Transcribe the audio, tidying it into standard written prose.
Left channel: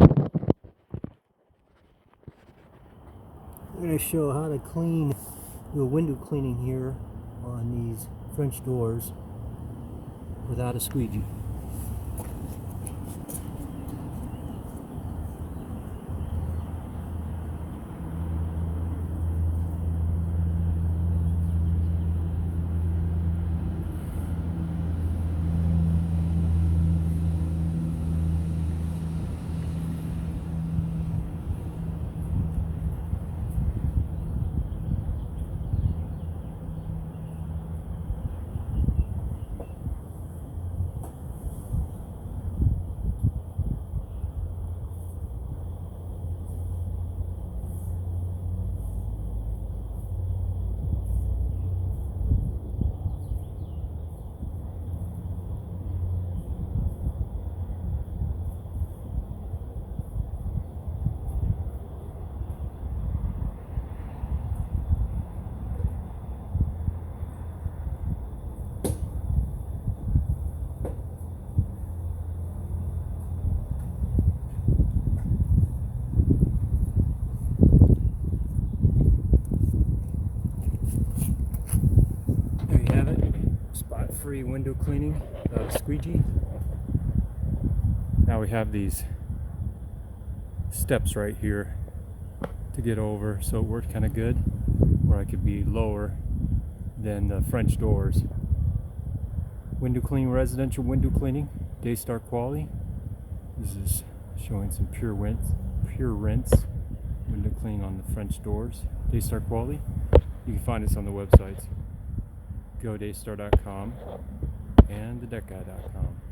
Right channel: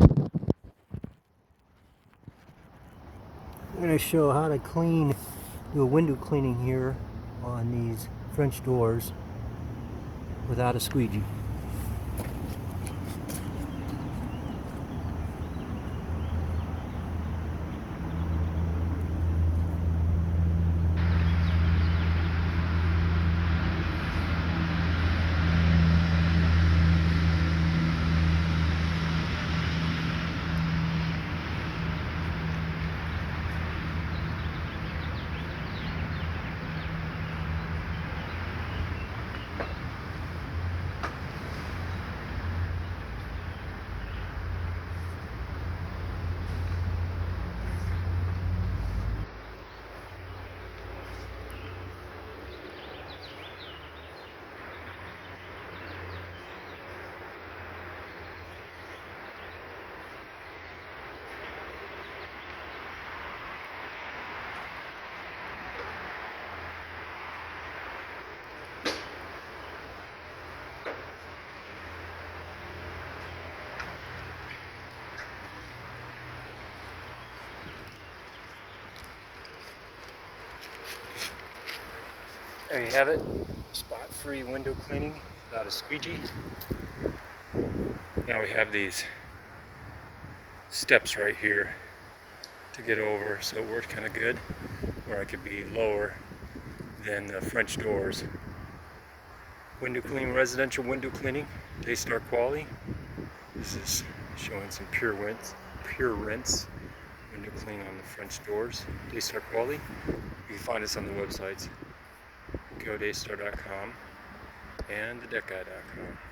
I'm going to show how to do a window cleaning here on these French doors without a squeegee. There you have it, spot-free window cleaning without a squeegee. Now we have these steps right here to get over, so it worked kind of good, where I could be lower than the French doors. Window cleaning, residential window cleaning, Daystar quality. This is showing some pure rinse window cleaning on the French doors, Daystar quality. You can find us on the websites GoDaystar.com and TheDeckGuy.com.